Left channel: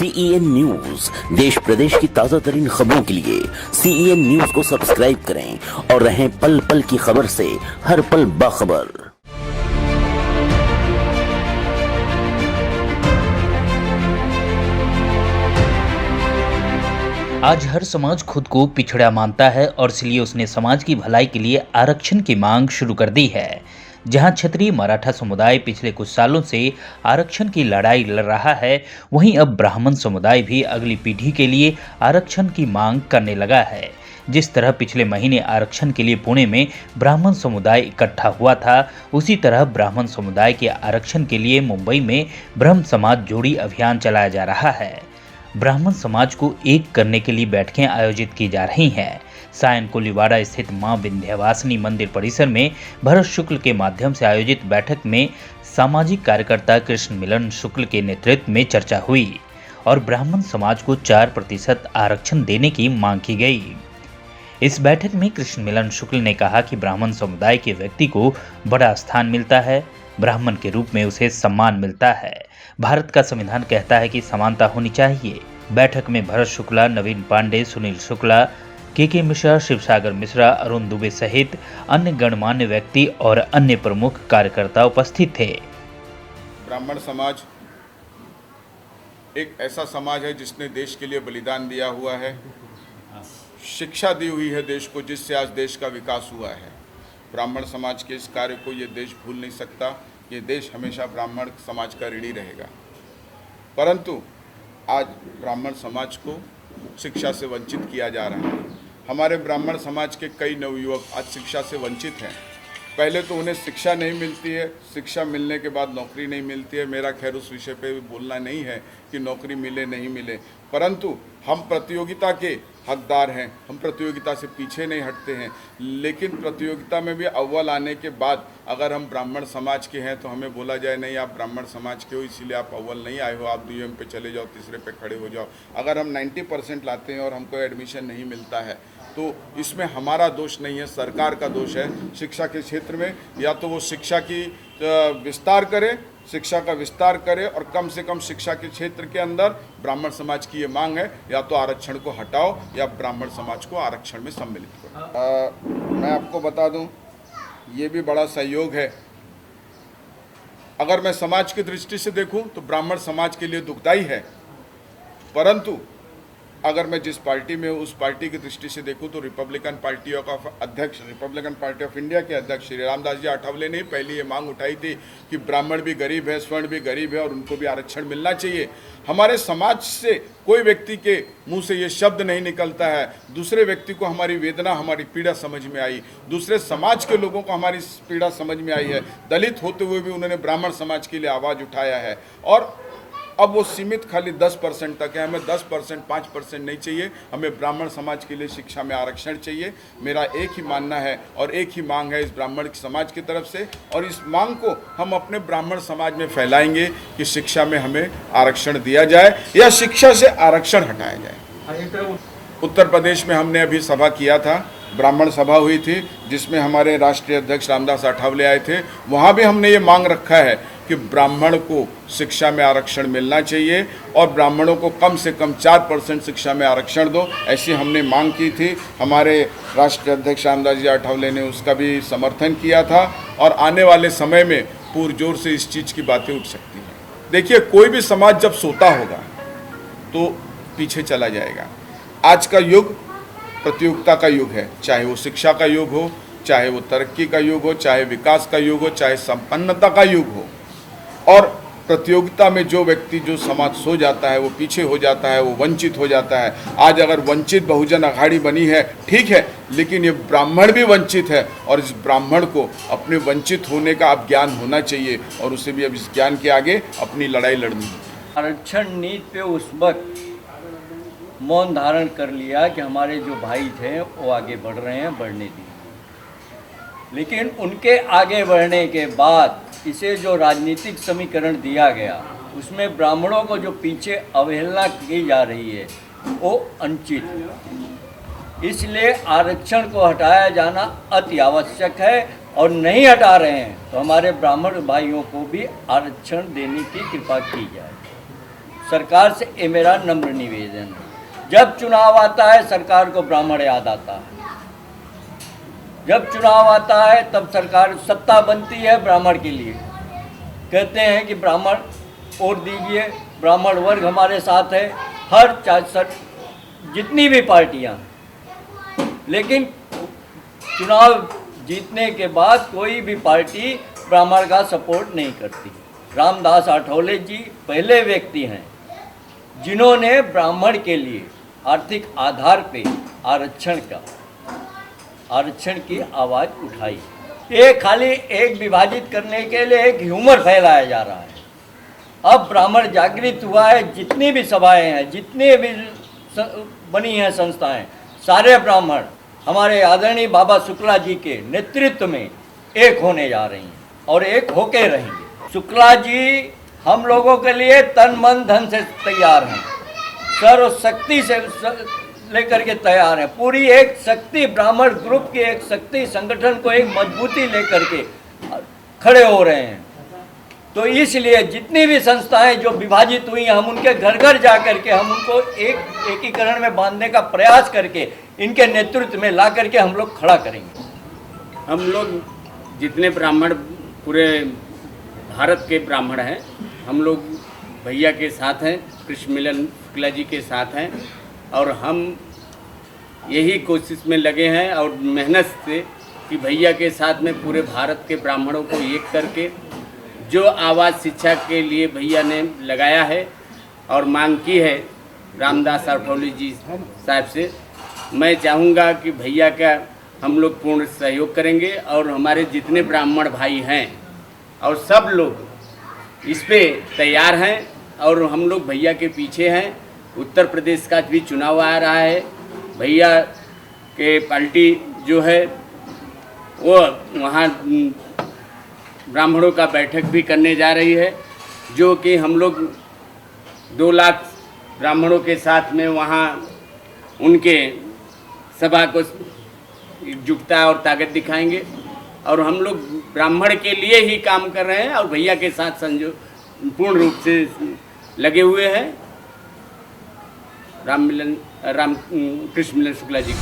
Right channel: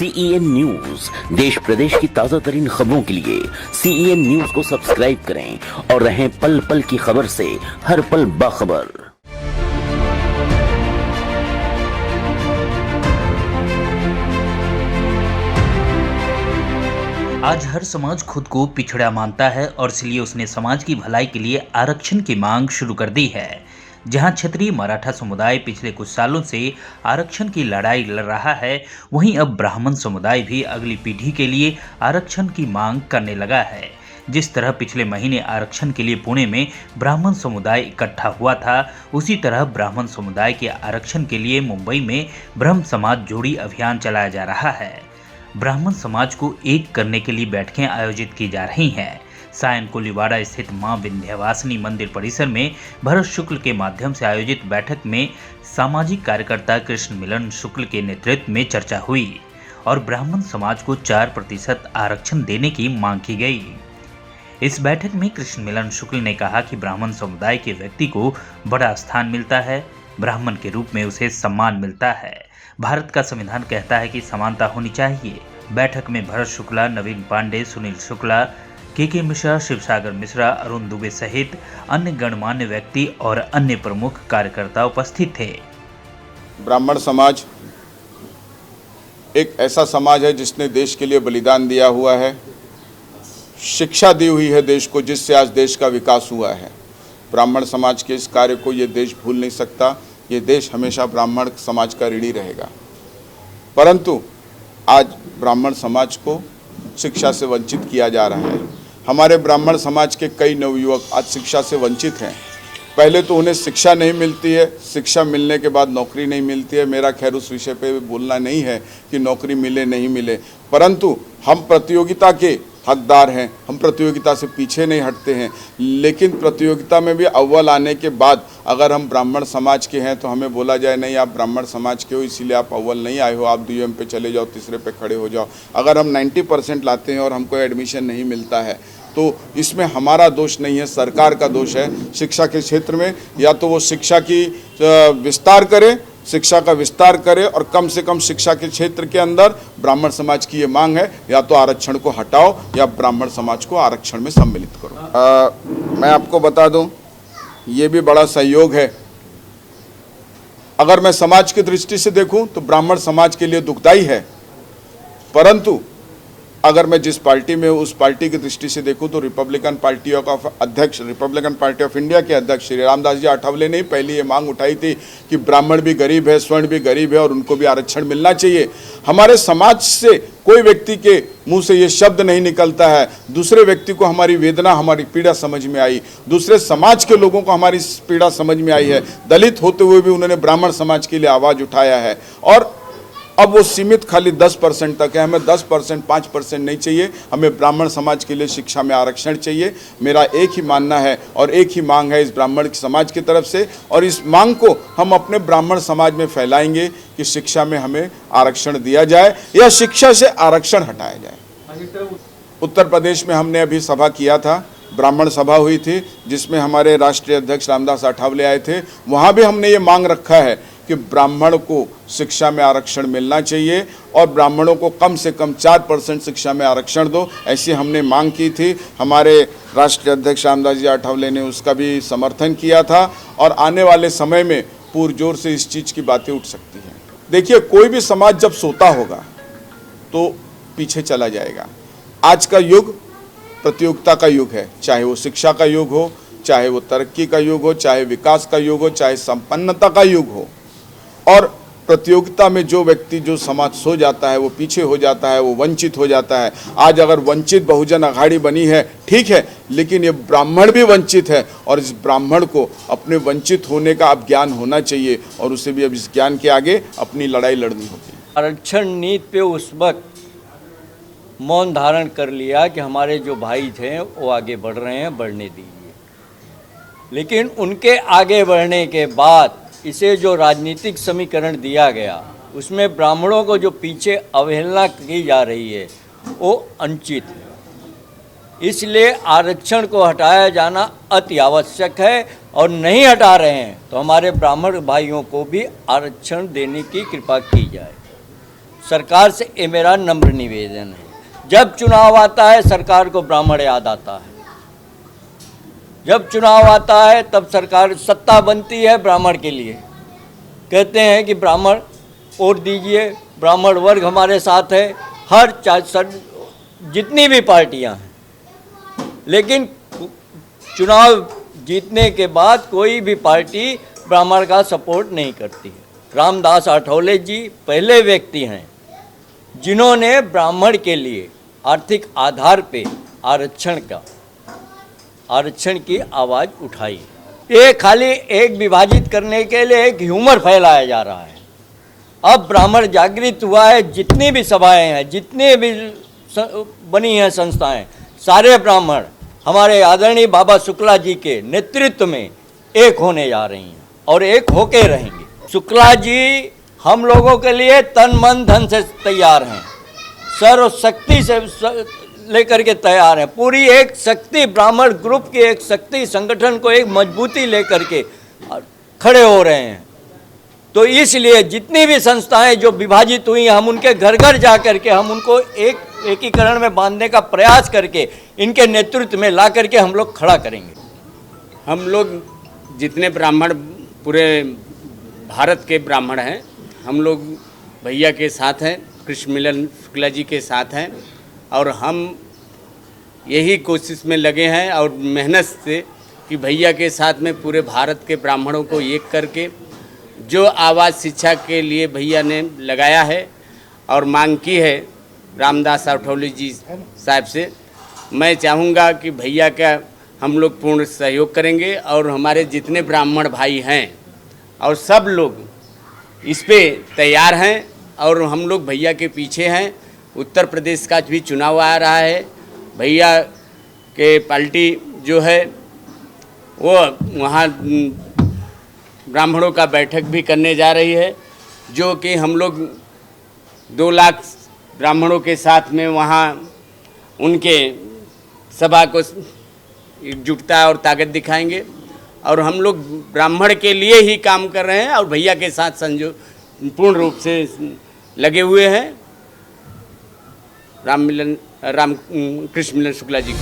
CEN news देश प्रदेश की ताजा तरीन खबरों के लिए CEN न्यूज को सब्सक्राइब करें और रहें पल पल की खबर से हर पल बाखबर। आज हर समाज खुद को पिछड़ा मानता है और इसलिए उसने समाज की भलाई के लिए आरक्षण की मांग शुरू कर दी है। जहां क्षत्रिय मराठा समुदाय पिछले कुछ सालों से आरक्षण की लड़ाई लड़ रहा है, वहीं अब ब्राह्मण समुदाय भी अगली पीढ़ी के लिए आरक्षण की मांग करने लगा है। जिस तरह पिछले महीने आरक्षण के लिए पुणे में ब्राह्मण समुदाय इकट्ठा हुआ था, उसी तरह ब्राह्मण समुदाय के आरक्षण के लिए मुंबई में ब्रह्म समाज जोड़ी अभियान चलाया जा रहा है। ब्राह्मण समाज को एक करने के लिए बैठकें आयोजित की जा रही हैं। सायन कोलीवाड़ा स्थित मां विंध्यवासिनी मंदिर परिसर में भरत शुक्ल के माध्यम से आयोजित बैठक में सामाजिक कार्यकर्ता कृष्ण मिलन शुक्ल के नेतृत्व में चर्चा हुई और ब्राह्मण समाज को 4% आरक्षण देने की मांग की गई। इस बैठक में कृष्ण मिलन शुक्ल ने कहा कि ब्राह्मण समुदाय के व्यक्ति को बड़ा स्थान मिलता है, ब्राह्मण के रूप में उसे सम्मान मिलता है। भारत का संविधान कहता है कि समानता होनी चाहिए। बैठक में भरत शुक्ला, नवीन पांडे, सुनील शुक्ला, के मिश्रा, शिवसागर मिश्रा, अरुण दुबे सहित अन्य गणमान्य व्यक्ति और अन्य प्रमुख कार्यकर्ता उपस्थित थे। ब्राह्मण समाज एक ऐसा समाज है जिसने देश के लिए बलिदान दिया हुआ है, शिक्षा दी हुई है देश को, जिससे आज देश का विकास हुआ है। ब्राह्मण समाज के इस कार्य को ये देश भूल नहीं सकता। ये देश हमेशा ब्राह्मण समाज का ऋणी रहेगा। परंतु आज ब्राह्मण समाज को शिक्षा से वंचित किया जा रहा है। हमारे ब्राह्मण समाज के कई नवयुवक आज शिक्षा से वंचित हैं। पहले तो उन्हें शिक्षा नहीं मिलती है, शिक्षा मिलने के बाद नौकरी नहीं मिलती है। मेरा खैर उस विषय पे बोलना नहीं है कि नौकरी मिले नहीं मिले, परंतु हम प्रतियोगिता के हकदार हैं। हम प्रतियोगिता से पीछे नहीं हटते हैं, लेकिन प्रतियोगिता में भी अव्वल आने के बाद अगर हम ब्राह्मण समाज के हैं तो हमें बोला जाए नहीं आप ब्राह्मण समाज के हो इसीलिए आप अव्वल नहीं आए हो, आप द्वितीय पे चले जाओ, तीसरे पे खड़े हो जाओ। अगर हम 90% लाते हैं और हमको एडमिशन नहीं मिलता है तो इसमें हमारा दोष नहीं है, सरकार का दोष है। शिक्षा के क्षेत्र में या तो वो शिक्षा की विस्तार करे, शिक्षा का विस्तार करे और कम से कम शिक्षा के क्षेत्र के अंदर ब्राह्मण समाज की ये मांग है, या तो आरक्षण को हटाओ या ब्राह्मण समाज को आरक्षण में सम्मिलित करो। मैं आपको बता दूं, ये भी बड़ा सहयोग है। अगर मैं समाज की दृष्टि से देखूं तो ब्राह्मण समाज के लिए दुखदाई है, परंतु अगर मैं जिस पार्टी में उस पार्टी की दृष्टि से देखूं तो रिपब्लिकन पार्टी ऑफ इंडिया के अध्यक्ष श्री रामदास जी आठवले ने पहले ये मांग उठाई थी कि ब्राह्मण भी गरीब है, स्वर्ण भी गरीब है और उनको भी आरक्षण मिलना चाहिए। हमारे समाज से कोई व्यक्ति के मुंह से ये शब्द नहीं निकलता है, दूसरे व्यक्ति को हमारी वेदना, हमारी पीड़ा समझ में आई, दूसरे समाज के लोगों को हमारी पीड़ा समझ में आई है। दलित होते हुए भी उन्होंने ब्राह्मण समाज के लिए आवाज उठाया है और अब वो सीमित खाली 10% तक है। हमें 10%, 5% नहीं चाहिए, हमें ब्राह्मण समाज के लिए शिक्षा में आरक्षण चाहिए। मेरा एक ही मानना है और एक ही मांग है इस ब्राह्मण समाज की तरफ से, और इस मांग को हम अपने ब्राह्मण समाज में फैलाएंगे कि शिक्षा में हमें आरक्षण दिया जाए या शिक्षा से आरक्षण हटाया जाए। उत्तर प्रदेश में हमने अभी सभा किया था, ब्राह्मण सभा हुई थी जिसमें हमारे राष्ट्रीय अध्यक्ष रामदास आठवले आए थे। वहाँ भी हमने ये मांग रखा है कि ब्राह्मण को शिक्षा में आरक्षण मिलना चाहिए और ब्राह्मणों को कम से कम 4% शिक्षा में आरक्षण दो, ऐसी हमने मांग की थी। हमारे राष्ट्रीय अध्यक्ष रामदास जी आठवले ने उसका भी समर्थन किया था और आने वाले समय में पुरजोर से इस चीज़ की बातें उठ सकती हैं। देखिए, कोई भी समाज जब सोता होगा तो पीछे चला जाएगा। आज का युग प्रतियोगिता का युग है, चाहे वो शिक्षा का युग हो, चाहे वो तरक्की का युग हो, चाहे विकास का युग हो, चाहे संपन्नता का युग हो। और प्रतियोगिता में जो व्यक्ति, जो समाज सो जाता है, वो पीछे हो जाता है, वो वंचित हो जाता है। आज अगर वंचित बहुजन अघाड़ी बनी है, ठीक है, लेकिन ये ब्राह्मण भी वंचित है और इस ब्राह्मण को अपने वंचित होने का अब ज्ञान होना चाहिए और उसे भी अब इस ज्ञान के आगे अपनी लड़ाई लड़नी होगी। आरक्षण नीति पे उस वक्त मौन धारण कर लिया कि हमारे जो भाई थे वो आगे बढ़ रहे हैं, बढ़ने दीजिए। लेकिन उनके आगे बढ़ने के बाद इसे जो राजनीतिक समीकरण दिया गया, उसमें ब्राह्मणों को जो पीछे अवहेलना की जा रही है वो अनुचित है। इसलिए आरक्षण को हटाया जाना अति आवश्यक है और नहीं हटा रहे हैं तो हमारे ब्राह्मण भाइयों को भी आरक्षण देने की कृपा की जाए। सरकार से ये मेरा नम्र निवेदन है। जब चुनाव आता है सरकार को ब्राह्मण याद आता है, जब चुनाव आता है तब सरकार सत्ता बनती है ब्राह्मण के लिए, कहते हैं कि ब्राह्मण वोट दीजिए, ब्राह्मण वर्ग हमारे साथ है, हर जितनी भी पार्टियां हैं। लेकिन चुनाव जीतने के बाद कोई भी पार्टी ब्राह्मण का सपोर्ट नहीं करती। रामदास आठवले जी पहले व्यक्ति हैं जिन्होंने ब्राह्मण के लिए आर्थिक आधार पे आरक्षण की आवाज़ उठाई। ये खाली एक विभाजित करने के लिए एक ह्यूमर फैलाया जा रहा है। अब ब्राह्मण जागृत हुआ है, जितनी भी सभाएं हैं, जितनी भी बनी हैं संस्थाएं, सारे ब्राह्मण हमारे आदरणीय बाबा शुक्ला जी के नेतृत्व में एक होने जा रही हैं और एक होके रहेंगे। शुक्ला जी हम लोगों के लिए तन मन धन से तैयार हैं, सर्वशक्ति से लेकर के तैयार है। पूरी एक शक्ति ब्राह्मण ग्रुप की एक शक्ति संगठन को एक मजबूती लेकर के खड़े हो रहे हैं। तो इसलिए जितनी भी संस्थाएं जो विभाजित हुई हैं, हम उनके घर घर जा करके हम उनको एक एकीकरण में बांधने का प्रयास करके इनके नेतृत्व में ला करके हम लोग खड़ा करेंगे। हम लोग जितने ब्राह्मण पूरे भारत के ब्राह्मण हैं, हम लोग भैया के साथ हैं, कृष्ण मिलन शुक्ला जी के साथ हैं और हम यही कोशिश में लगे हैं और मेहनत से कि भैया के साथ में पूरे भारत के ब्राह्मणों को एक करके जो आवाज़ शिक्षा के लिए भैया ने लगाया है और मांग की है रामदास आठवले जी साहब से, मैं चाहूँगा कि भैया का हम लोग पूर्ण सहयोग करेंगे और हमारे जितने ब्राह्मण भाई हैं और सब लोग इस पे तैयार हैं और हम लोग भैया के पीछे हैं। उत्तर प्रदेश का भी चुनाव आ रहा है, भैया के पार्टी जो है वो वहाँ ब्राह्मणों का बैठक भी करने जा रही है, जो कि हम लोग 2 लाख ब्राह्मणों के साथ में वहाँ उनके सभा को एकजुटता और ताकत दिखाएंगे और हम लोग ब्राह्मण के लिए ही काम कर रहे हैं और भैया के साथ पूर्ण रूप से लगे हुए हैं। कृष्ण मिलन शुक्ला जी।